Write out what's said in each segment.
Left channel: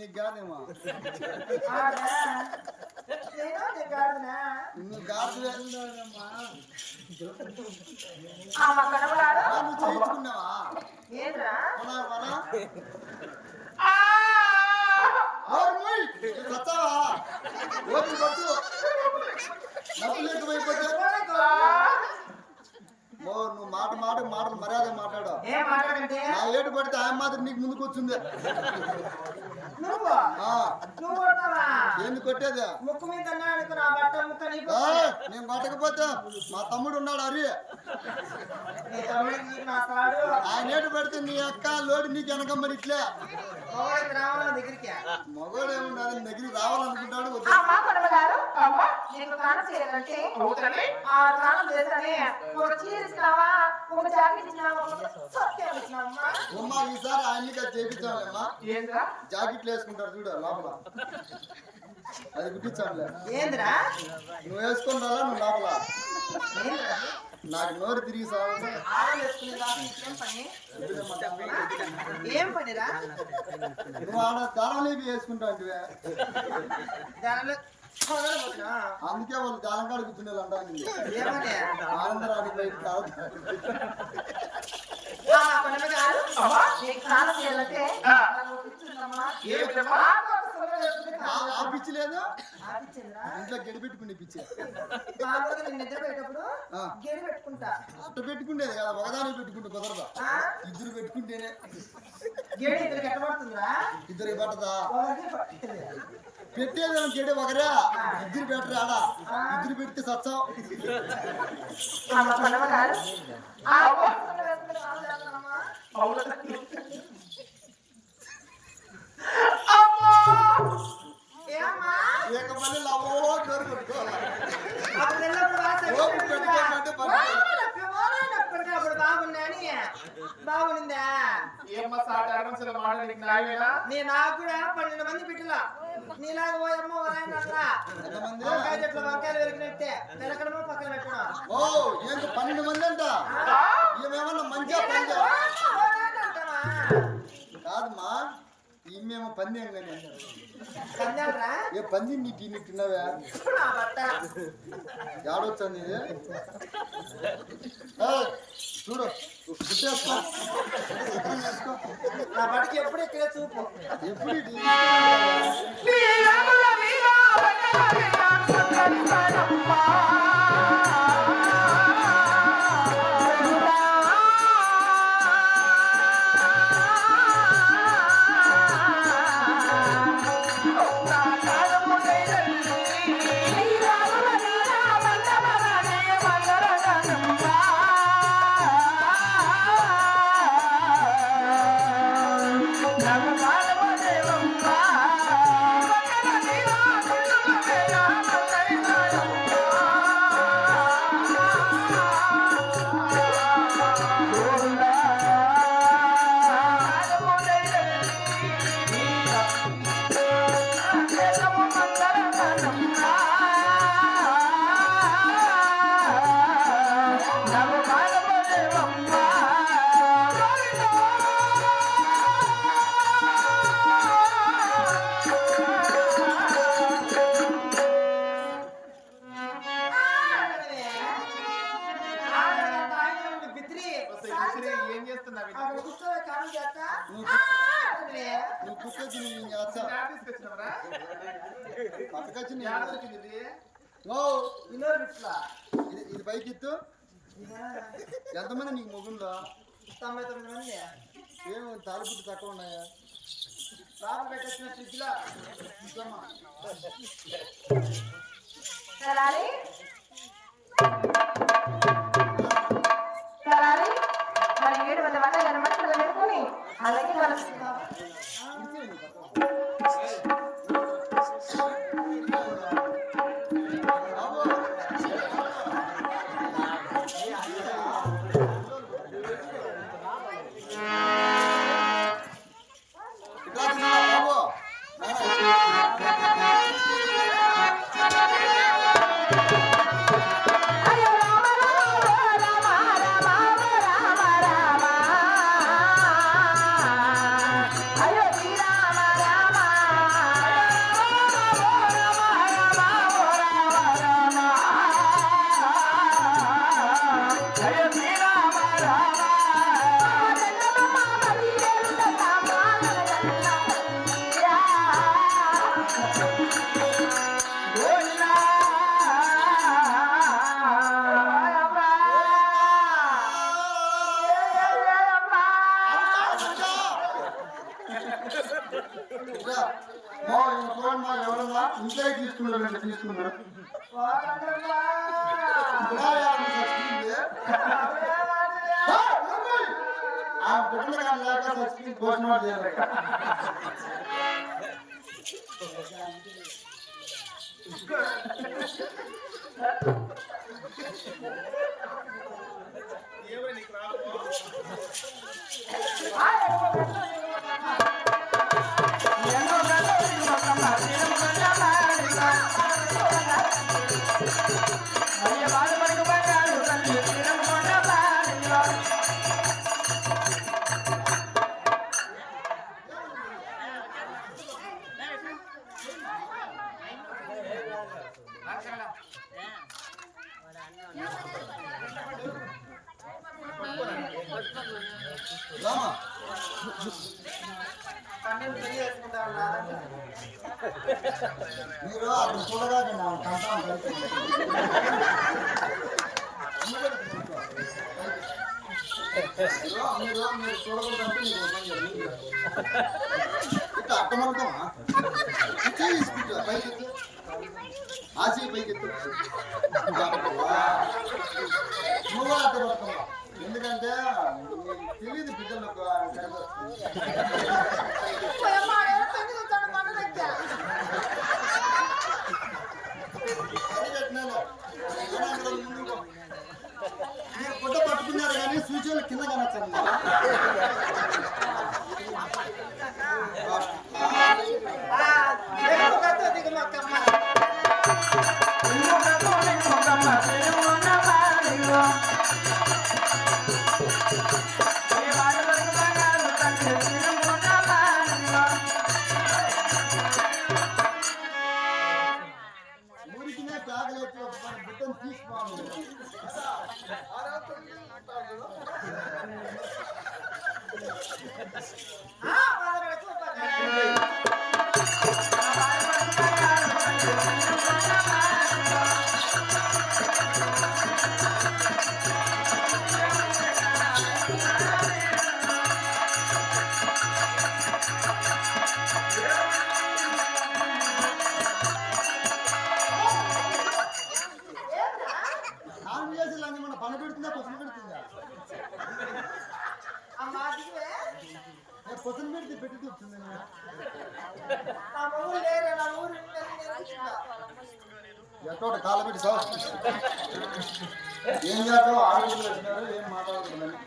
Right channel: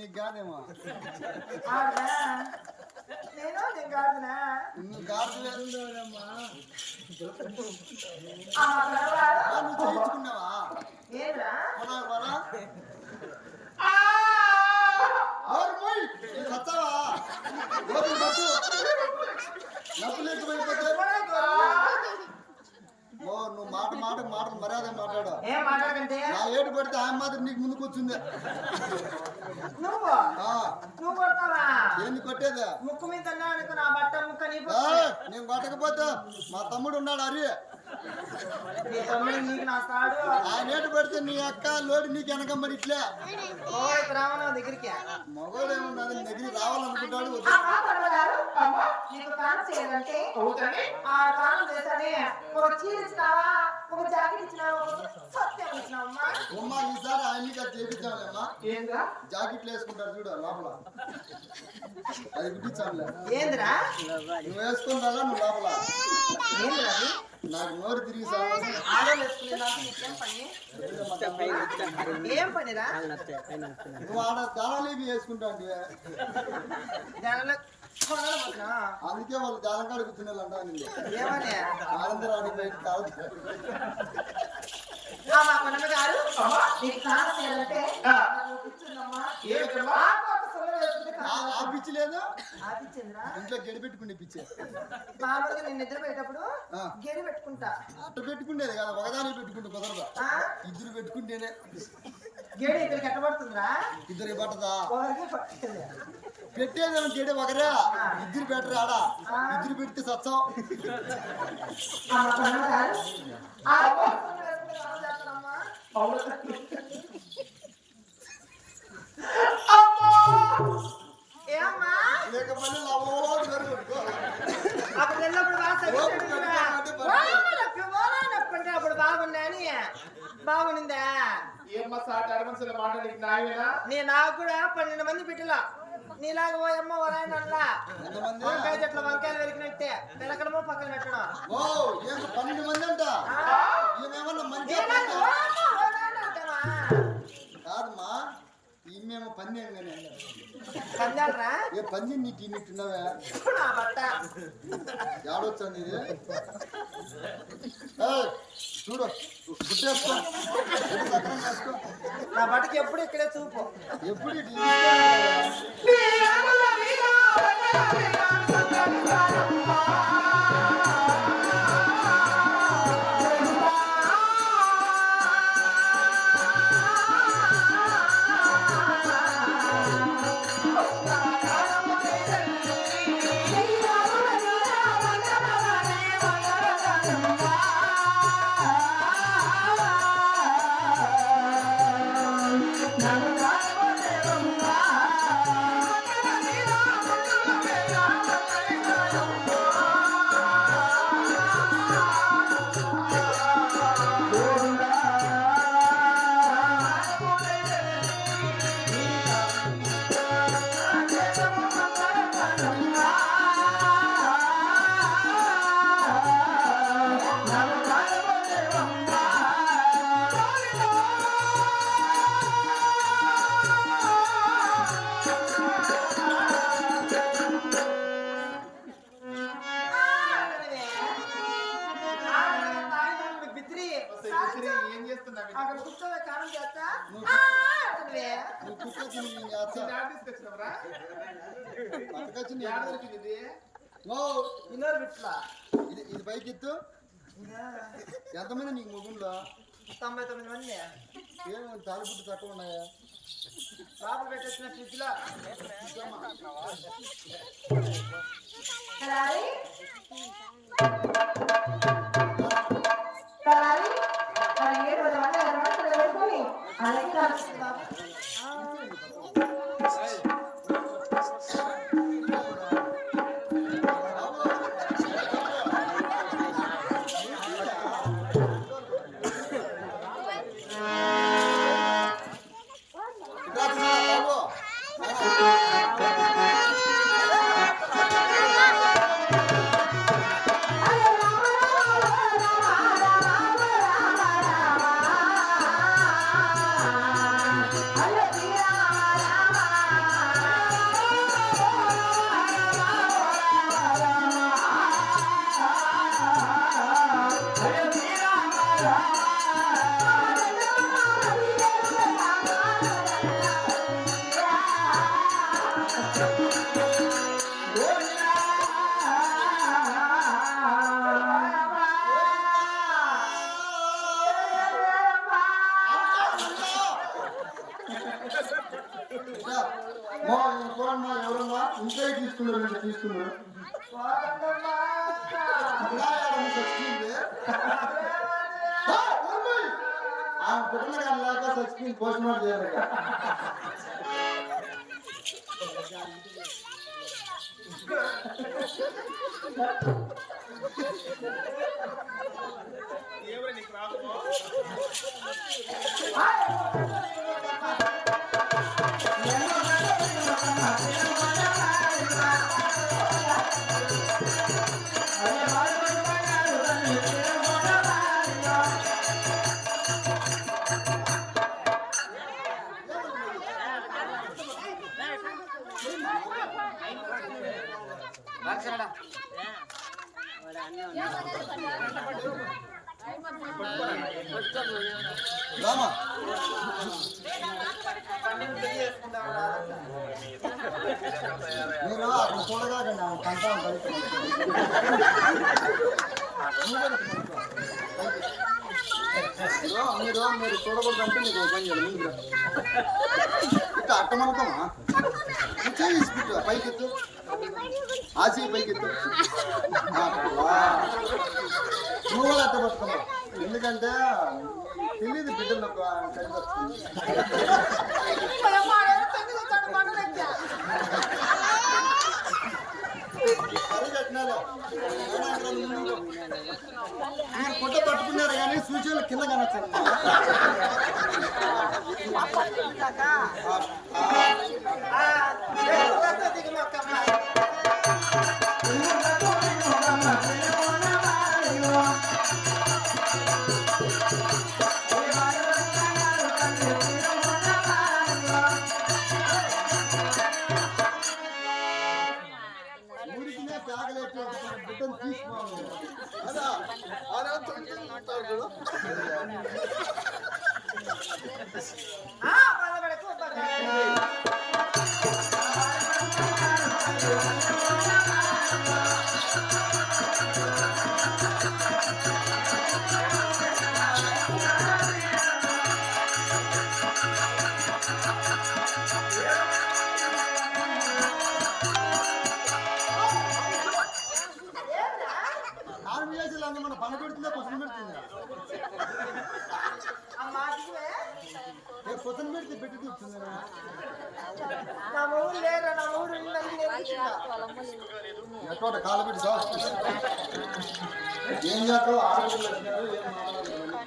నీకు కాదేమో నేను నేను కాదునా నువ్వు ఆ, నువ్వు చేయించుకున్నావా? మన వల. నువ్వు చచ్చావా ఓపిక పట్టు. నవ్వు లేకపోయిపోతే ఓ నువ్వు మాట మాట మాటలు మర్యాద మాట్లాడు. ఏం నా పడితే ఆయన మాత్రం నీకు ముందుకు వచ్చింది నువ్వు? ఆ, నువ్వు కొడతావా? ఏంది కొట్టేది? ముక్కు మీద అన్నా అనుకో నా బట్ట ముక్క ఏయ్, నేను కొట్టకపోతే మా తమ్ముడు ఉన్నాడు నీ నా తాడు. ఆయన ఏడు పడితే నీ అక్క లోడి నీకు వెనకమ్మడి ఇట్లే. మగవాడికి రావణ దగ్గరికి? మగవాడు ఏమన్నాడు నీ దగ్గరికి రావాలనుకుంటాడు ఆ ఒక చీర ఇచ్చినావా? ఒక జాకెట్ ఇచ్చినావా? సత్యం ఇచ్చినావమ్మా. అమ్మా ఈసారి ఆయన్ని అది చేయించాలేమ్మా ఏంద్రా? జాకెట్లు వేసుకుంటారు చూడు లోపల. అది గుట్టించానులే ఏందిరా? నువ్వు వేసుకుంటారా నువ్వు లోపల. ఏందిరా? నాకు నోరు తిరిగి ఏం పనిరా? నువ్వు ఆడ దానంలోకి వేసుకుంటావు అంటే అందుకే వాళ్ళు దానంకాడ కూర్చునే అంటా ఏమని? ఆనందరానికి పోయి తాగుతారు ఆ పిచ్చి లేదు. ఇంట్లో గడి పెట్టుకునే పిచ్చే. మామూలుగా నేను నిద్ర పోయేటప్పుడు పెట్టుకుంటా. అట్ట పెట్టుకునేది కదా ఒకదాని పెట్టుకుంటే కుదరదా? ఇద్దరు పెట్టుకుంటేనే. గేడి ఇద్దరికి ఎట్టబడుతుందిరా? ఇద్దరికి పట్టదా. పట్టేది గడి ఒకరే. ఇద్దరు పెట్టరు ఆడ. ఇద్దరు పెడితే సచ్చావు అమ్మ మాట నీకు కూడా పన్నెండు మంది బిడ్డల. నీలాగా ఓరాయన అల్లా ఎంతమంది? వంకాయ చెట్లు వంకాయలు వెలికినట్టే పెరకడమో పక్కన పెట్టడం. ఓ ఏంక పన్నెండు మంది అంట? ఏమేమన్నా మంచిగా? కాదమ్మా ఈమెమో పందెం కానీ పందాలరా? ఏ పంది నీ టీ తిన్నావా నా బట్ట. ఏడొచ్చా నీది? చూడు. నా బట్టకి ఎప్పుడు ఇక్కడే చూపు ఎప్పుడు నువ్వు ఆ, అనవే. నువ్వు కుట్టొచ్చి నేను చేస్తా పట్టుకొచ్చి నేను ఇది? ఓ ఇన్నోరు బిట్లా ఇది ఇది పైకి ఎత్తు ఎంతమంది నీకు మొగుల్లో తొంభై తొమ్మిది మంది ఏం తాలిపుట్టు తక్కువ ఉన్నాయా లోపల పెట్టేసిన ఫ్రిడ్జ్లో ఇద్దమ్మా. ఆ, అమ్మాయి! చేయాలి నీకు రామా మీరు అక్కడ చూడగా కంటాం మీరు మీరు చూడకూడదంటే మీకు పని చేయాలి మీరు ఇట్లా అట్టమనుకోమా చేయి ఇసుకుంటా పైకి ఎత్తు ఆ చేయి పైకి ఎత్తు. నువ్వు పట్టుకున్నా ఎందుకంటే తెలియదు బిడ్డలకు టైం కింద కనొచ్చారు దిగుమక్కమ్మ ఊరికినే ஒரு பீஸ் வாங்குவோம் ஆ పెడుతుందా పొద్దున పెడుతుందా పొద్దున పెడితే పెట్టి చూపుతుందా నా ఊరు లేరు? నా ఊరు ఎట్టోట కాళ్ళ పెట్టి ఏం చేస్తావు ఆడపిల్లలు వచ్చినారు ఏం మాట్లాడకూడదని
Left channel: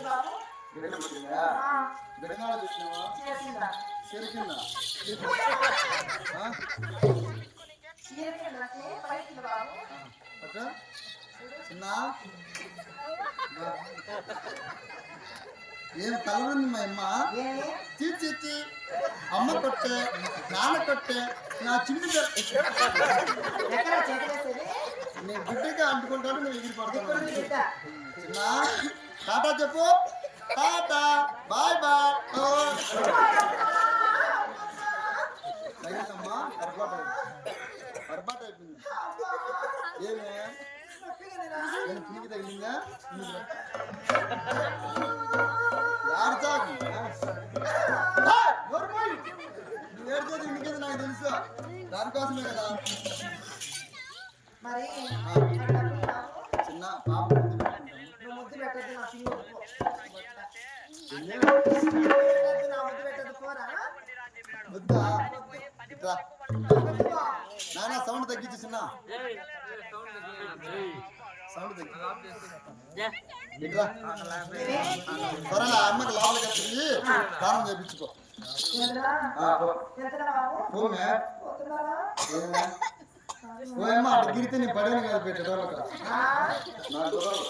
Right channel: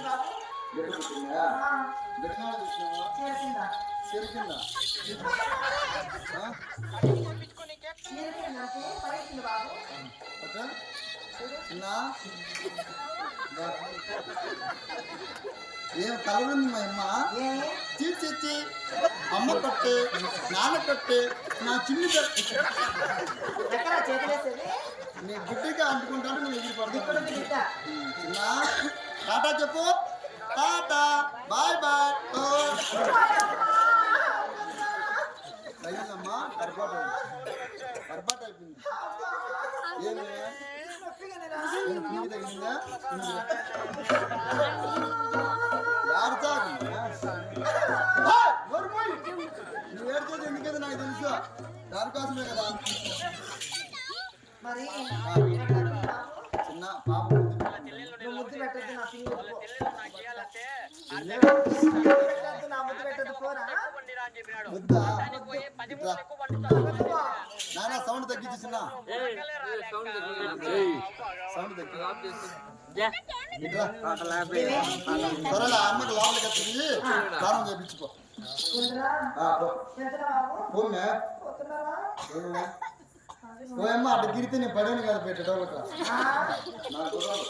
బాబు. చూసినావా చేసిందా చెరికిందా? చిన్న. ఏం కలరుంది మా అమ్మ? ఏమి చీ చీ చీ. అమ్మ కొట్టే నాన్న కొట్టే నా చిన్ని బిడ్డ- ఎక్కడ చేతులేసేది? నీ బిడ్డకి అంటుకుంటాడు నువ్వు ఎగిరి బిడ్డ. చిన్న. టాటా చెప్పు. Tata bye bye. ఓ తగిలిందమ్మా అర్బాట్ అర్బాట్ అయిపోయింది. ఏమే? నేను పునికి తగిలిందా? ఏడతాకు నువ్వు ఏడ్చేది ఎందుకైతే నాకు తెలుసు? దానికోసమే కదా. మరి చిన్న పాప. పెట్టద్దు నా పిండి పో. ఏంది? పెట్టద్దు నా ముద్దు పెట్టద్దు పోరా వద్దా? ఇట్రా. వద్దు పో. నానా సౌండ్ తగ్గించు చిన్న. సౌండ్ తగ్గి. ఇట్రా. ఏమి? త్వరలో ఆ అమ్మకి లోపలికి వచ్చింది స్నానం చేయించుకో? ఆ, పో. ఎంతరా బాబు పోమే పోతున్నారా ఏమే ఓ అమ్మ అటు గిరితే నేను పడాను కదా పెట్టేటోళ్ళక ఆ? నా కుర్రాలు